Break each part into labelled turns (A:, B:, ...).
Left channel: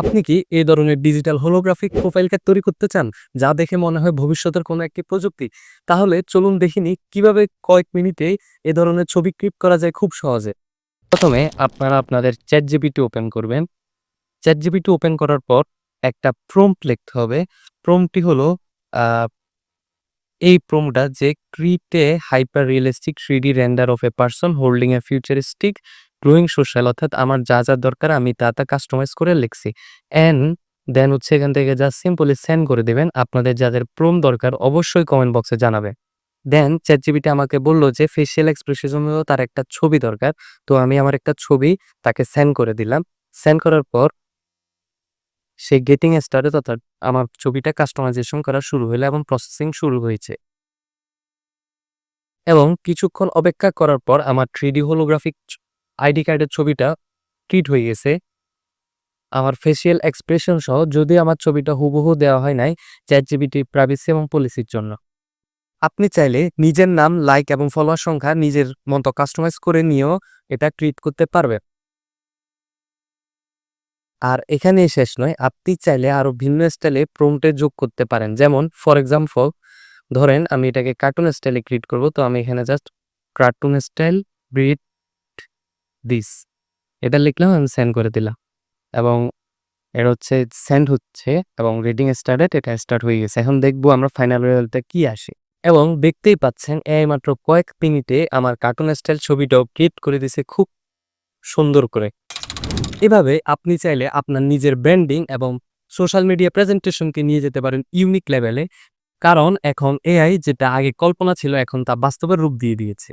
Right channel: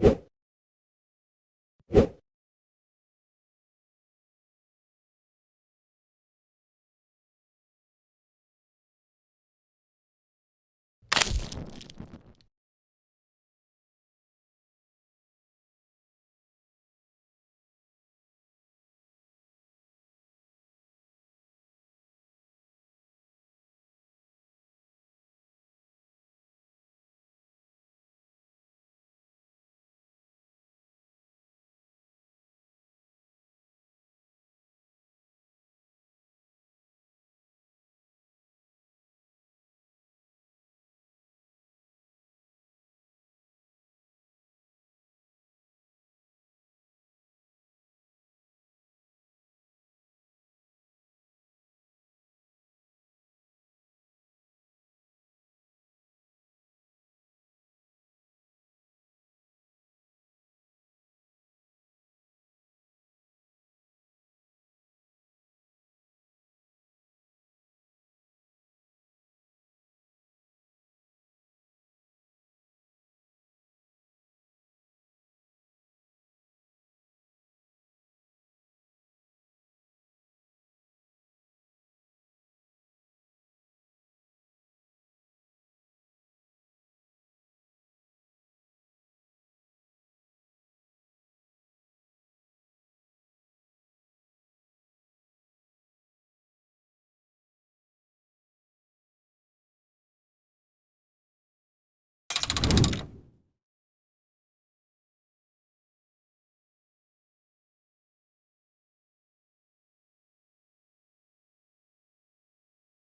A: আপনি কি এই ধরনের ডিজিটাল হোলোগ্রাফিক প্রোফাইল কার্ড তৈরি করতে চান? যা দেখে মনে হয় ভবিষ্যতের কোনো একটি প্রযুক্তি। তাহলে চলুন দেখিনি কীভাবে কয়েক মিনিটে এ ধরনের ছবি ক্লিপ করা যায় খুব সহজে। প্রথমে আপনারা আপনাদের চ্যাট জিপিটি ওপেন করবেন। চ্যাট জিপিটি ওপেন করার পর একটা প্রম্পট লিখতে হবে। প্রম্পটটি হলো এই প্রোমটা যে create hyper realistic three D render of a person holding a futuristic growing social অর্থাৎ আমার যা যা দরকার আমি তা তা কাস্টমাইজ করে লিখছি। অ্যান্ড দেন হচ্ছে এখান থেকে যা সিম্পলি সেন্ড করে দেবেন। আপনাদের যাদের প্রোম দরকার অবশ্যই কমেন্ট বক্সে জানাবে দেন চ্যাট জিবিটি আমাকে বলল যে ফেসিয়াল এক্সপ্রেশনের জন্য তার একটা ছবি দরকার। তো আমি আমার একটা ছবি তাকে সেন্ড করে দিলাম। সেন্ড করার পর সে গেটিং স্টার্টেড অর্থাৎ আমার ছবিটা কাস্টমাইজেশন করা শুরু হলো এবং প্রসেসিং শুরু হয়েছে। এবং কিছুক্ষণ অপেক্ষা করার পর আমার থ্রিডি হোলোগ্রাফিক আইডি কার্ডের ছবিটা ট্রিট হয়ে গেছে। আমার ফেসিয়াল এক্সপ্রেশন সহ যদি আমার ছবিটা হুবহু দেওয়া হয় নাই চ্যাট জিবিটি প্রাইভেসি এবং পলিসির জন্য। আপনি চাইলে নিজের নাম লাইক এবং ফলোয়ার সংখ্যা নিজের মতো কাস্টমাইজ করে নিয়েও এটা ট্রিট করতে পারবেন। আর এখানেই শেষ নয়, আপনি চাইলে আরও ভিন্ন স্টাইলে প্রম্পটে যোগ করতে পারেন। যেমন ফর এক্সাম্পল ধরেন আমি এটাকে কার্টুন স্টাইলে ক্রিয়েট করব, তো আমি এখানে just cartoon style breed this এটা লিখলাম আমি সেন্ড করে দিলাম। এবং এটা হচ্ছে সেন্ড হচ্ছে এবং রিডিং স্টার্টেড এটা স্টার্ট হয়ে গেছে। এখন দেখব আমরা ফাইনাল রেজাল্টে কি আসে। এবং দেখতেই পাচ্ছেন, এই মাত্র কয়েক মিনিটে আমার কার্টুন স্টাইল ছবিটাও ক্রিয়েট করে দিছে খুব সুন্দর করে। এভাবে আপনি চাইলে আপনার নিজের ব্র্যান্ডিং এবং সোশ্যাল মিডিয়া প্রেজেন্টেশনকে নিয়ে যেতে পারেন ইউনিক লেভেলে কারণ এখন এআই যেটা আগে কল্পনা ছিল, এখন তা বাস্তবের রূপ দিয়ে দিয়েছে।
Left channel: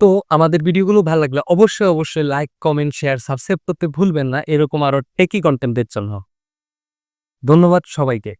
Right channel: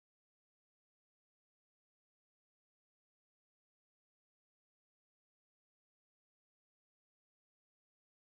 A: তো আমাদের ভিডিওগুলো ভালো লাগলে অবশ্যই অবশ্যই লাইক কমেন্ট শেয়ার সাবস্ক্রাইব করতে ভুলবেন না। এরকম আরও টেকি কন্টেন্টের জন্য। ধন্যবাদ সবাইকে।